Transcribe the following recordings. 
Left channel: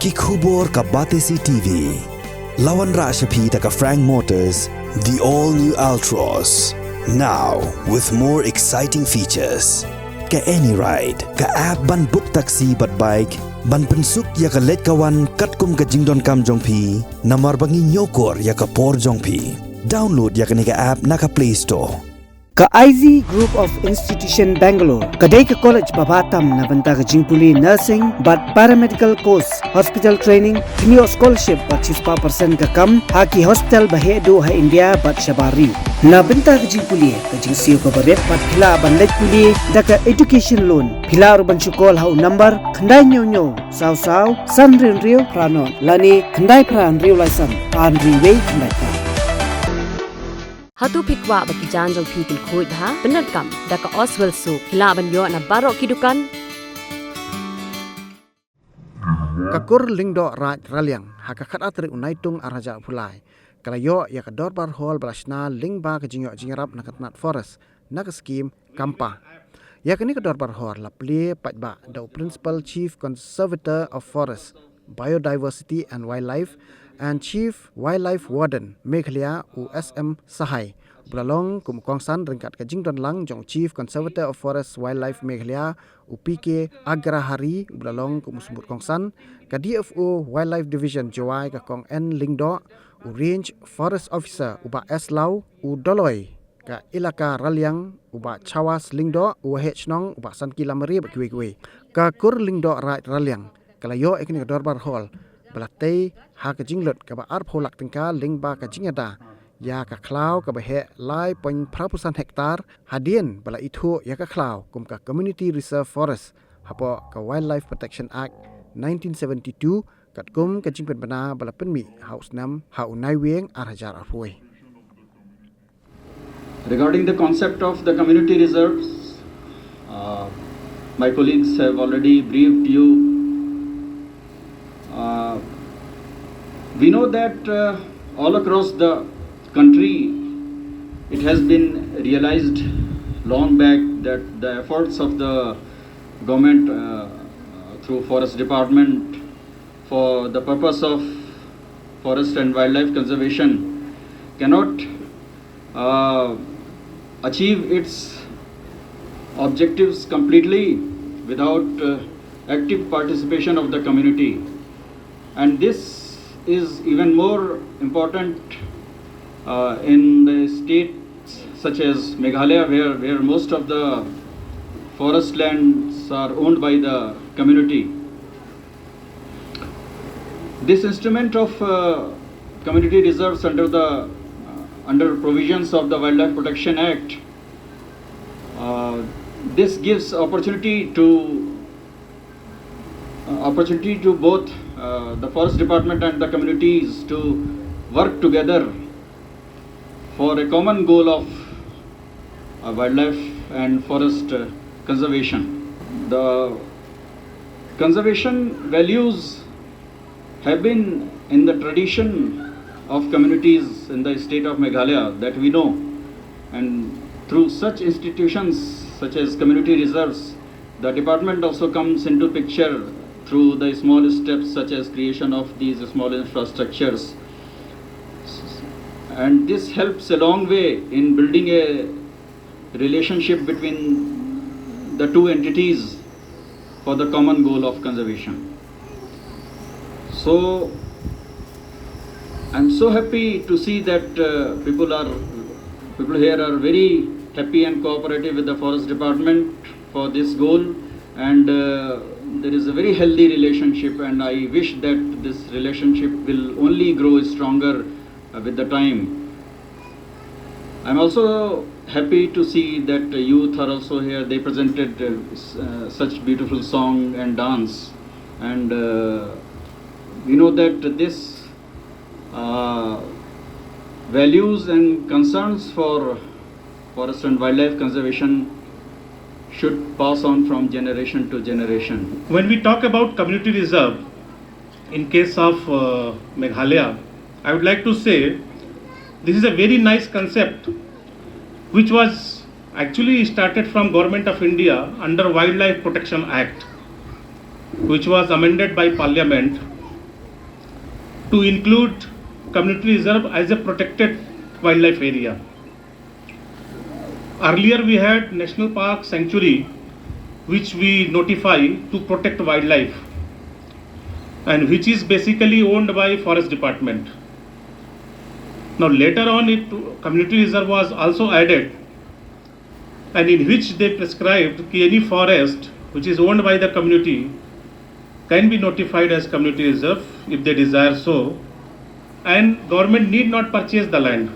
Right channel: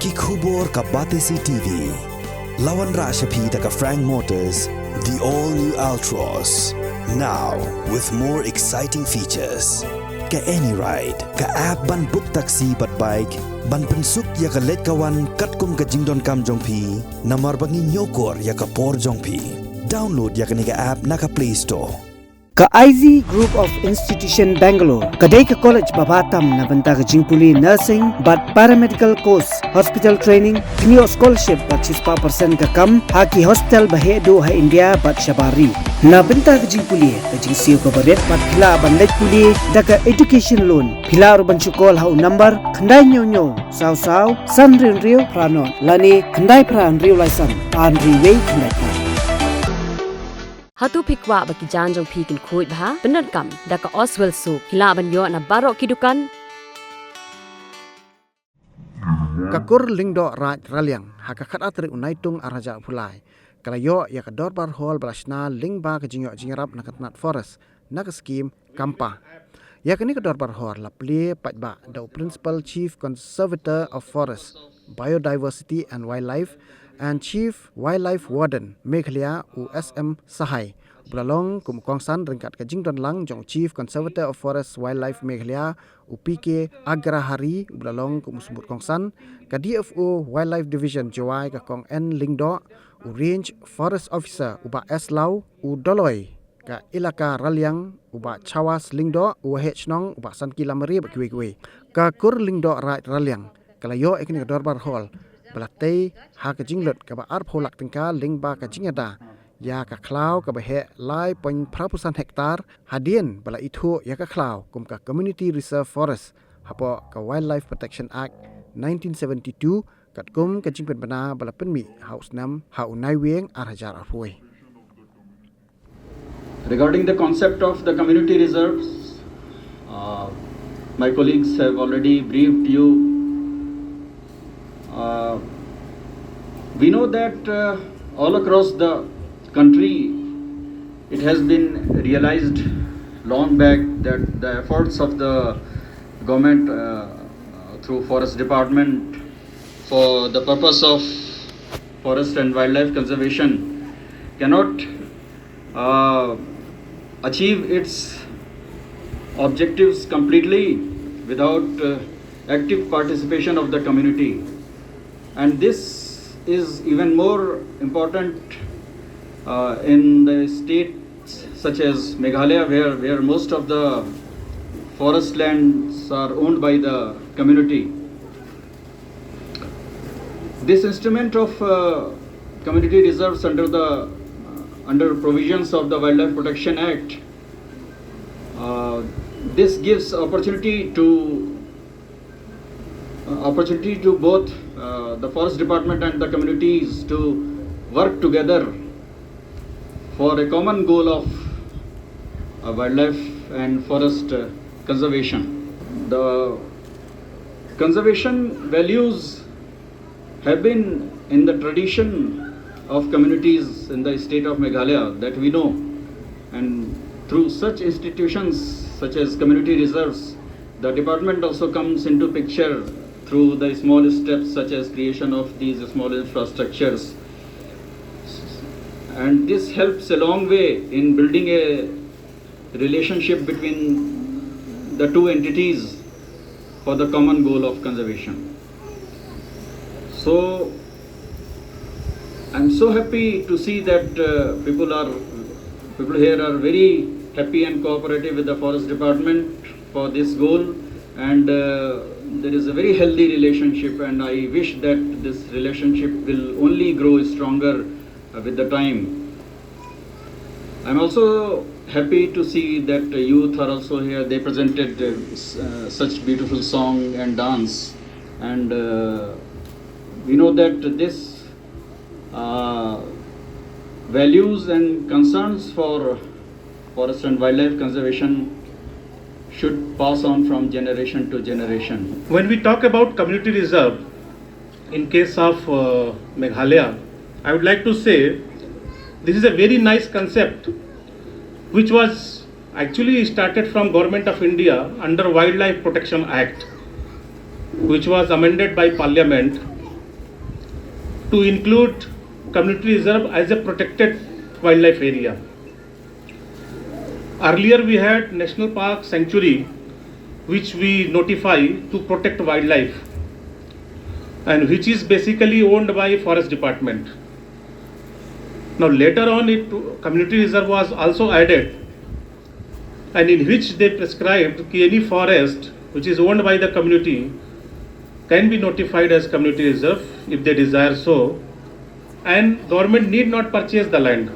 Kikubor ka Batesi TV. Lawan Rashapi taka Frank Motors, the all-new Altros. Now, with more exciting features. Ka any ride, ka app ban book taxi bat bike, ban pensuk ya ka let kawan katkum ka jingdon kam jongpi, namar bangi nyokor ya ka por jongpi. Download ya ka nika app naka Play Store. Ka IZ Group of Institution Bangalore, kadai ka college babatam na banta ka jingpuli nursing but paramedical course, hospital training, thinyo scholarship but 6% ka kam, haki hospital bahedo ha India but shabari. Na banta ka jingpuli ka jingsiyo ka baret but pila ban let puli da ka education loan. Pila urban chukol ha number khandai nyo saw san rio pranon lani khandai pran rio lisan an riway khandai pra. Hatu pikwa bagi janjong pikil kuit bah benar kam daka Oswell Soup hilaban yo na barok kidukan Kakur Lyngdoh Raliang hakakat atri unaitung araja pulai kalayo ya ka Dobar hall belasna Lyngba ka jingyo jingrap na katnat forest na ka Skhim Campa ya kini ka Dobar hall lapli patba the principal chief conservator of forest biodiversity and wildlife and Chief Wildlife Warden Meghalaya USM Sahai Bulalong kumukongsan ringkat kajing don lang jong Chief Conservator of Forest Wildlife Meghalaya UPK Agrahari Bulalong kumusubut kongsan ka DFO Wildlife Division Jawai ka kong N Lyngdoh Range Forest Officer uba S Lau Doloi ka ilaka Raliang uba Chawas Lyngdoh UH Nong uba San Kilamari bakwe ka kur Lyngdoh Raliang kalayo ekni ka Dobar Hall Belatay ha ka jinglot ka ba arpholak tingka Lyngba ka jingada ya ka klau ka ba he lai point prapusan hektar hadien bala itu ya ka klau kum ka Community Reserve Forest hapo ka Wildlife Protection Act 1972 kat kum ka jingpen bana bala penmi haus nam ha unai weng arhajar arpoi. Regarding the concept of the community reserves, my colleagues have already briefed you. We know that all across the country it has been realized long back that the efforts of the government through Forest Department for the purpose of forest and wildlife conservation cannot achieve its objectives completely without active participation of the community. And this is even more important in the states such as Meghalaya where most of the forest lands are owned by the community. This instrument of community reserves under provisions of the Wildlife Protection Act, this gives opportunity to both the Forest Department and the communities to work together for a common goal of wildlife and forest conservation. The conservation values have been in the tradition of communities in the state of Meghalaya that we know, and through such institutions such as community reserves, the department also comes into picture through the small steps such as creation of these small infrastructures. And this helps a long way in building a relationship between the two entities for the common goal of conservation. So I'm so happy to see that people here are very happy and cooperative with the Forest Department for this goal, and there is a very healthy relationship, and I wish that this relationship will only grow stronger with the time. I'm also happy to see that youth are also here. They presented such beautiful song and dance, and we know that this values and concerns for forest and wildlife conservation should pass on from generation to generation. When we talk about community reserve, in case of Meghalaya, I would like to say this is a very nice concept which was actually started from Government of India under Wildlife Protection Act, which was amended by Parliament to include community reserve as a protected wildlife area. Earlier we had national park sanctuary which we notify to protect wildlife and which is basically owned by forest department. Now later on community reserve was also added, and in which they prescribed that any forest which is owned by the community can be notified as community reserve if they desire so, and government need not purchase the land.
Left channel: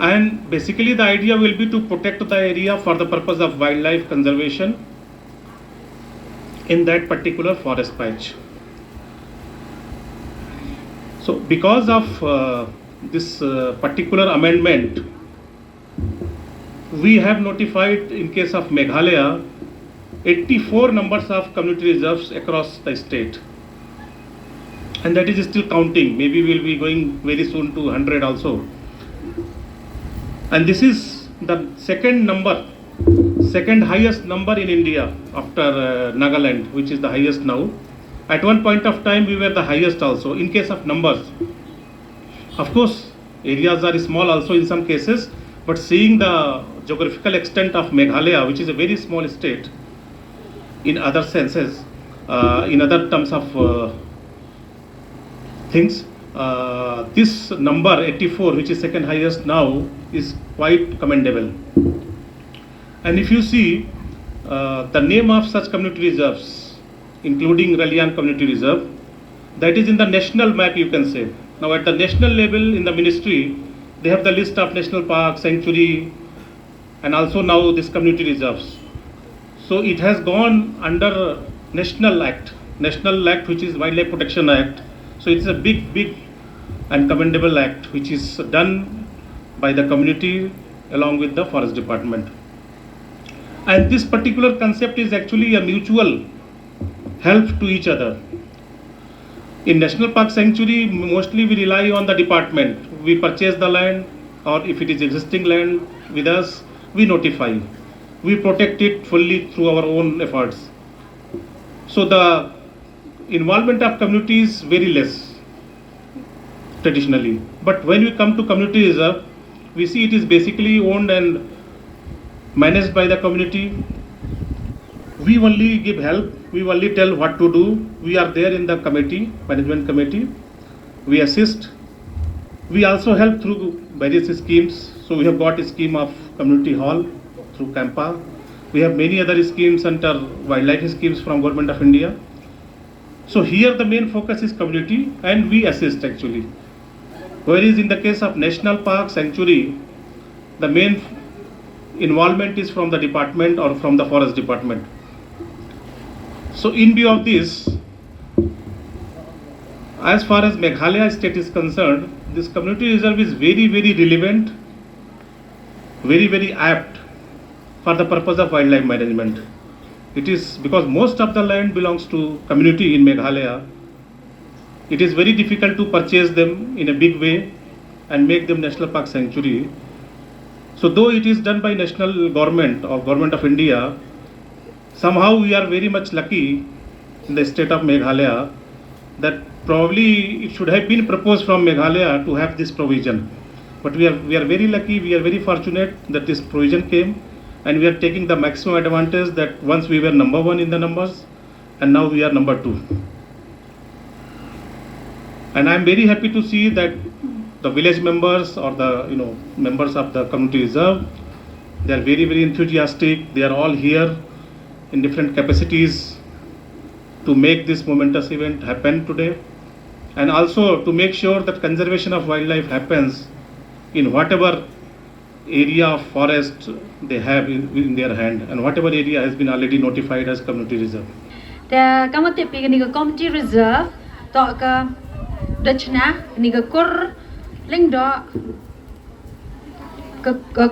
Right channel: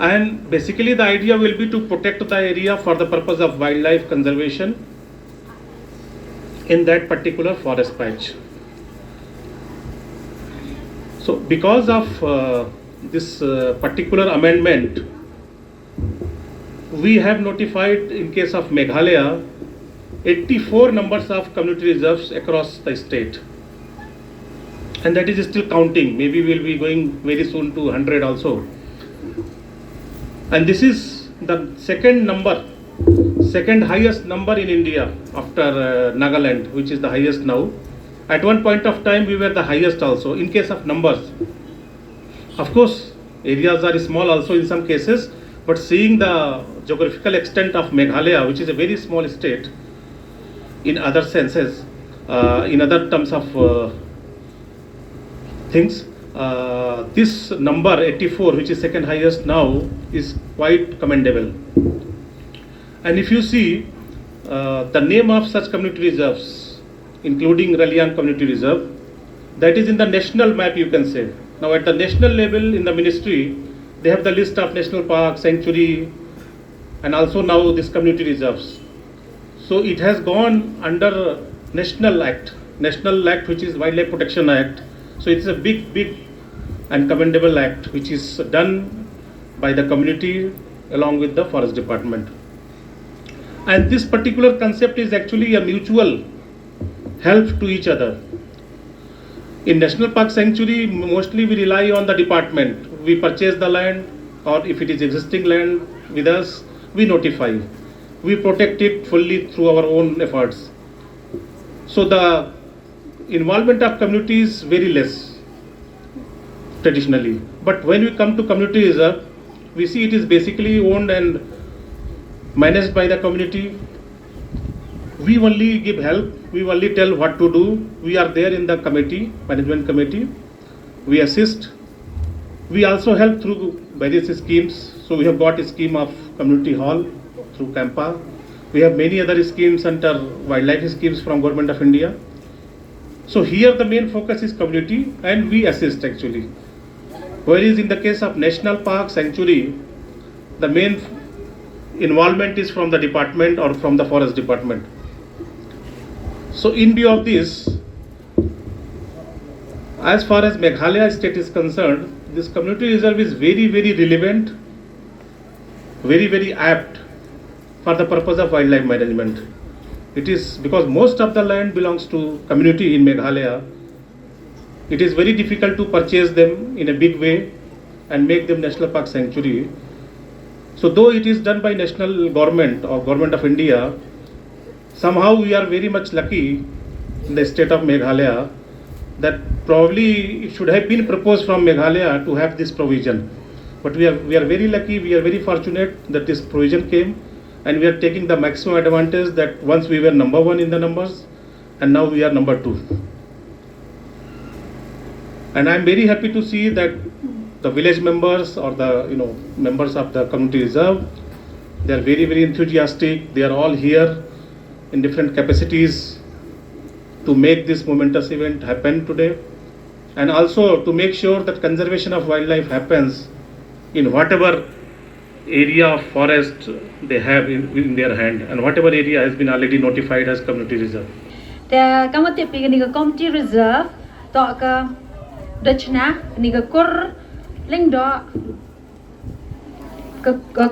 And basically the idea will be to protect the area for the purpose of wildlife conservation in that particular forest patch. So because of this particular amendment, we have notified in case of Meghalaya 84 numbers of community reserves across the state, and that is still counting. Maybe we'll be going very soon to 100 also. And this is the second highest number in India after Nagaland, which is the highest now. At one point of time we were the highest also in case of numbers. Of course areas are small also in some cases, but seeing the geographical extent of Meghalaya, which is a very small state in other senses, in other terms of things, this number 84, which is second highest now, is quite commendable. And if you see the name of such community reserves, including Raliang Community Reserve, that is in the national map, you can say. Now at the national level in the ministry, they have the list of national park, sanctuary, and also now this community reserves. So it has gone under national act which is Wildlife Protection Act. So it's a big and commendable act which is done by the community along with the forest department. And this particular concept is actually a mutual help to each other. In National Park Sanctuary, mostly we rely on the department. We purchase the land, or if it is existing land with us, we notify. We protect it fully through our own efforts. So the involvement of community is very less traditionally. But when we come to community reserve, we see it is basically owned and managed by the community. We only give help, we only tell what to do. We are there in the committee, management committee. We assist. We also help through various schemes. So we have got a scheme of community hall through Campa. We have many other schemes under wildlife schemes from Government of India. So here the main focus is community and we assist actually. Whereas in the case of National Park Sanctuary, the main involvement is from the department or from the forest department. So in view of this, as far as Meghalaya state is concerned, this community reserve is very relevant, very apt for the purpose of wildlife management. It is because most of the land belongs to community in Meghalaya. It is very difficult to purchase them in a big way and make them National Park Sanctuary. So though it is done by national government or Government of India, somehow we are very much lucky in the state of Meghalaya that probably it should have been proposed from Meghalaya to have this provision. But we are very lucky, we are very fortunate that this provision came, and we are taking the maximum advantage that once we were number 1 in the numbers and now we are number 2. And I am very happy to see that the village members or the members of the community reserve, they are very enthusiastic. They are all here in different capacities to make this momentous event happen today, and also to make sure that conservation of wildlife happens in whatever area of forest they have in their hand, and whatever area has been already notified as community reserve. The community reserve to Dachna Nigakur Lyngdoh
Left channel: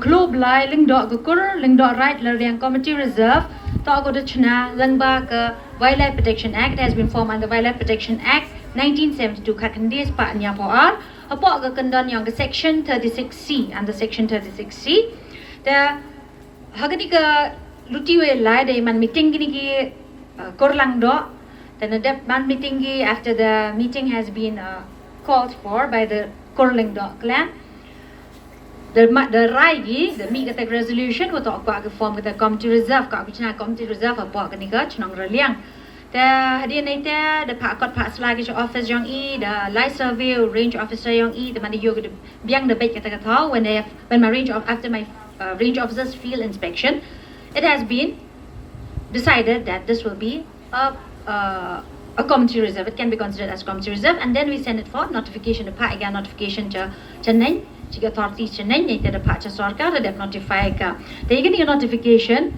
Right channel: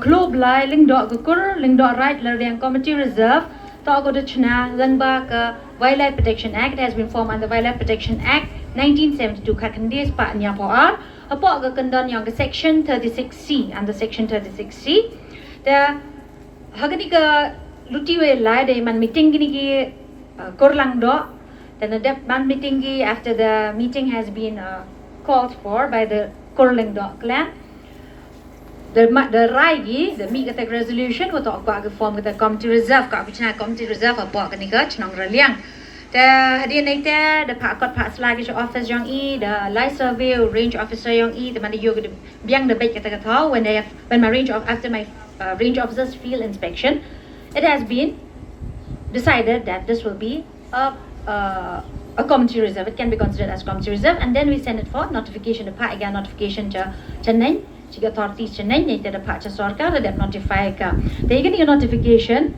Club Lai Lyngdoh Gukur Lyngdoh Right Lyngdoh Community Reserve to Dachna Lyngba Wildlife Protection Act has been formed under Wildlife Protection Act 1972 Kakandis Pa Nyapoar Apok Gakandan Yang Section 36C under Section 36C. The Haganika Lutiwe Lai de Man meeting Giniki Korlangdo then the man meeting after the meeting has been called for by the Lyngdoh clan the rai the meet the resolution ko to kwa ke form the committee reserve ka bichna committee reserve pa ka ni ka chnong Raliang the hadian naite the pakot pak slagi office yang the light survey range officer yang the man yo the biang the bet ka ta when my range of after my range officers field inspection it has been decided that this will be a community reserve. It can be considered as community reserve, and then we send it for notification. The part again notification to Chennai, to authorities Chennai, they the part to Sarkar, that notify ka. They get a notification.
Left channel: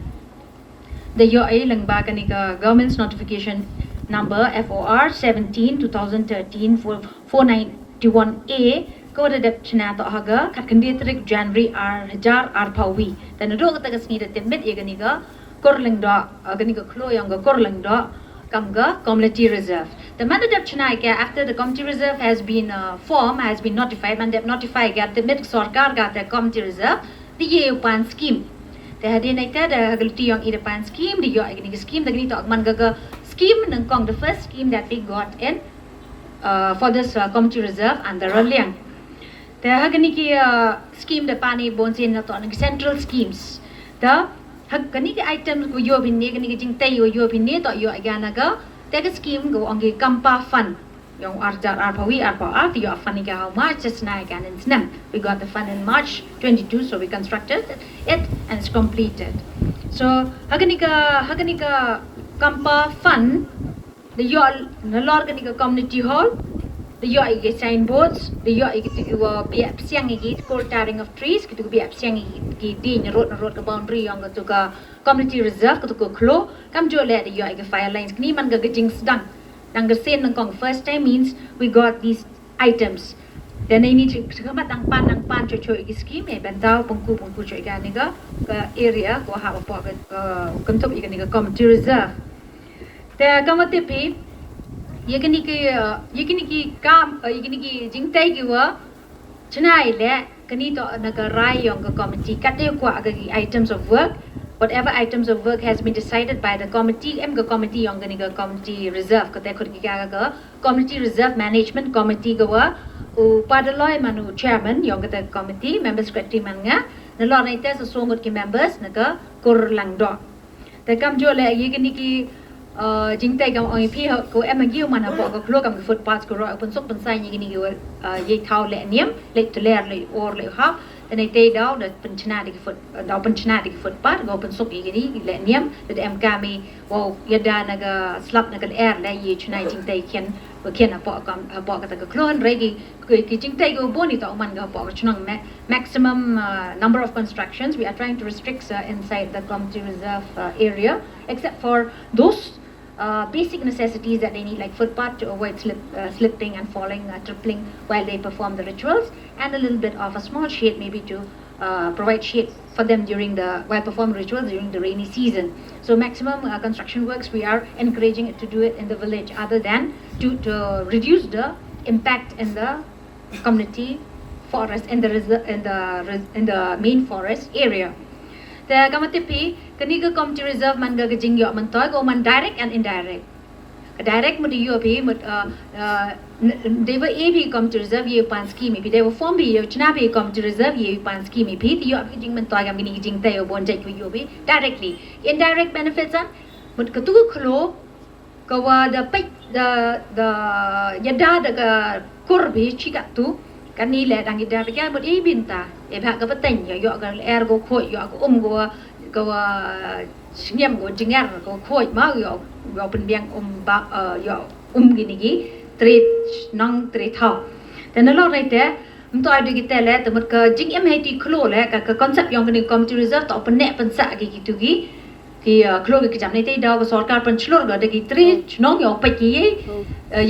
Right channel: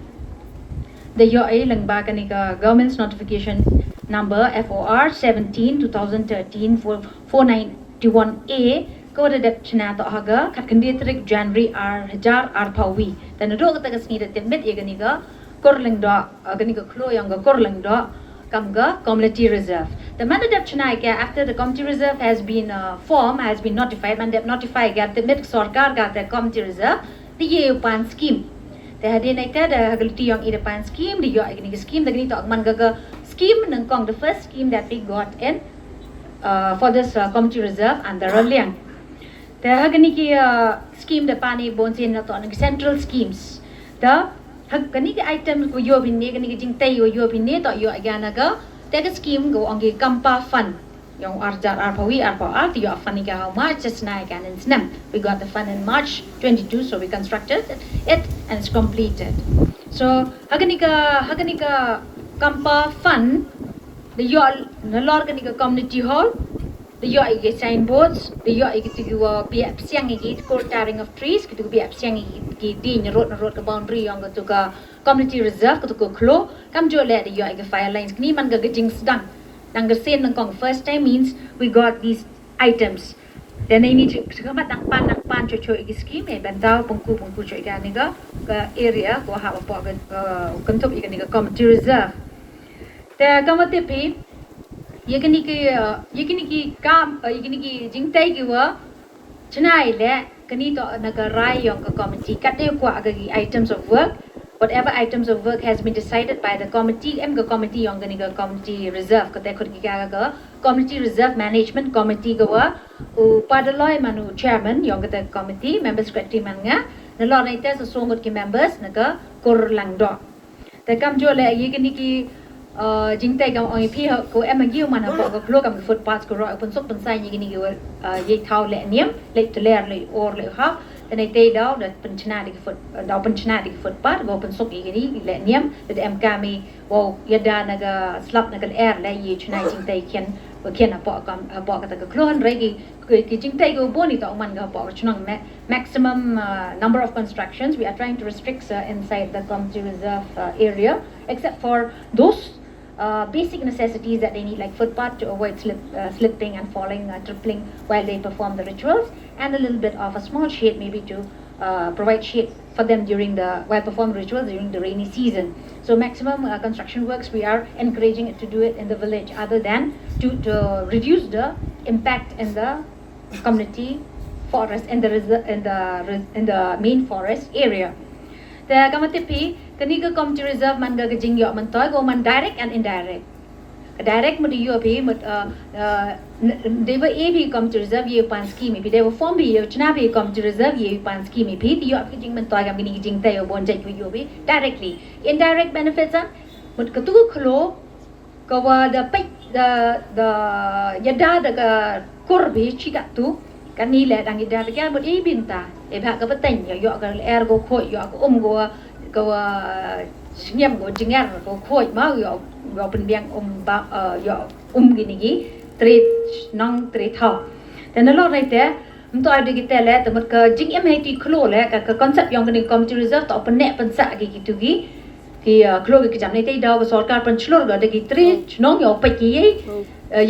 The Lyngba government's notification number FOR 17/2013 for 491A. Ko the dep chna to haga kat kandiatrik January Hajar Pawi. Then the dog that is needed the mid Eganiga. Lyngdoh ganiga klo yang Lyngdoh kamga community reserve. The mandate chnaika after the community reserve has been formed, has been notified, mandate notify gat the mid sarkar gat the community reserve the pan scheme. The hadinaita the hagalti yang ida pan scheme the yo ganiga scheme the ganito mangaga scheme nang kong the first scheme that we got in for this community reserve and the Raliang. The haganiki scheme the pani bonsin na to central schemes. The Kani item ko yo binne kani jing tay yo binne to yo agana ga take a scheme go on the Campa fund yung arjar arpawi arpa art yo fund ga how much just na again in snap we got the fund in March 22 so we constructed it and it's completed so haganika Campa fund the yo the lord kanika community hall the yo ige signboards the yo ige to be siang ige cold tearing of trees to be siang ige din road the boundary yang to ka community reserve to ko klo kam jo le the yo ige fire lines ni man ga jing sedang nang ga sen nang kong first time means we got these items then I need to come nang pan cho ige scheme e bentao pungku cho ige ni ga area ko ha po ga kam to ige ni ga community reserve the kamate pi yekiniki jingtai giwa chnai le kanito naga rai yong committee kate ko agagi items of work whatever items of work has been decided by the committee committee yong ganiga committee reserve kate khurgi ga committee reserve management committee gawa u padaloi manu chairman yong kate committee members secretary manga nalo naita so songot ki members naga Lyngdoh the kam jo le yekiniki jingtai gam oi phi ko emagi man ha ko klo kam footpath ko ro pun sok pun sai ni go ye thau le niam le to le or le ha then I tay daw that pun chna di foot daw pun chna di footpath go pun sok ni le niam that em kami wo yada naga slap naga air le ye chna jingtai kien apa kata ko klon regi ki jingtai go boni to man ga pa chnong maximum number of constructions we are trying to restrict inside the community reserve area except for those basic necessities that they need like footpath to avoid slipping and falling tripling while they perform the rituals and a little bit of a small shade maybe to provide shade for them while performing rituals during the rainy season. So maximum construction works we are encouraging it to do it in the village other than to reduce the impact in the community forest in the main forest area. The kamatipi kaniga community reserve man ga jing yo man toy go man direct and indirect. Direct mo di yo pi they were ab community reserve ye pan scheme pi they were form bi yo chna bi community reserve ye pan scheme pi di yo jing man toy ga mini jing tay yo bon jai ko yo bi directly indirect benefits are mut ka tu khlo ka wa the yada the kur bi chika tu kani le dang ida pe ka mut binta e ba ka pateng yo ka air go khoi yo ka go Skhim go jingar go khoi ma yo pen biang ba yo gini gi treat nong treat thau then a lot right there mto ade gi tele te mat ka jing mht khlo le ka concept yong ni community reserve to pen ne pen sa gi tu gi ki khlo gi jam nei te da go sarkar pen chlor go de gi treat nong yo pe ki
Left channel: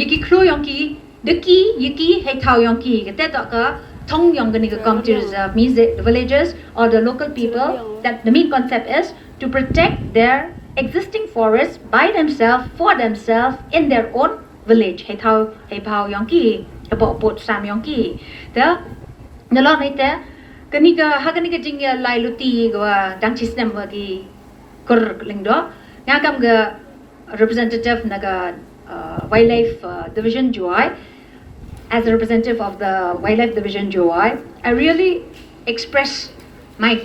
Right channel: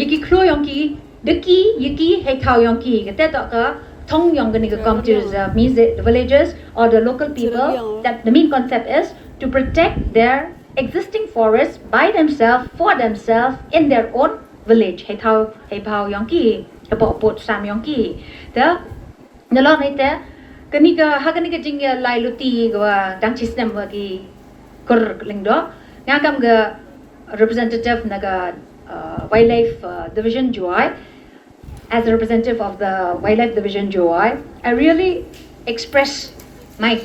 yi ki khlo yong ki de ki yi ki he thau yong ki ke te to ka thong yong ni community reserve means the villagers or the local people that the main concept is to protect their existing forests by themselves for themselves in their own village hay phao yong ki hay bo pot sam yong ki the lo nei te kanika jing lai luti go dang system gi Lyngdoh nga kam ga representative naga Wildlife Division Joy, as a representative of the Wildlife Division Joy, I really express my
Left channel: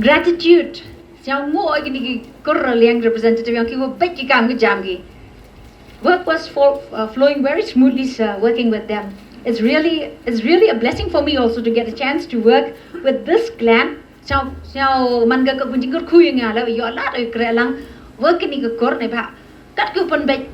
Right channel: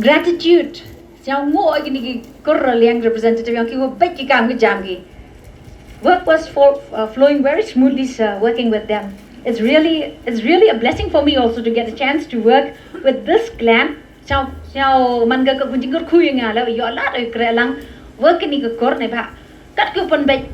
gratitude. Siang mo ay gini Raliang representative yang kiwa baik kita ang jam ki. Work was flowing very smoothly, sir, working with them. It's really a blessing for me also to get a chance to work with this clan. Siao manga ka kunjing kur kuyang ala yo ala ay krelang work ni ka kor ne ba. Kat ku pun baik.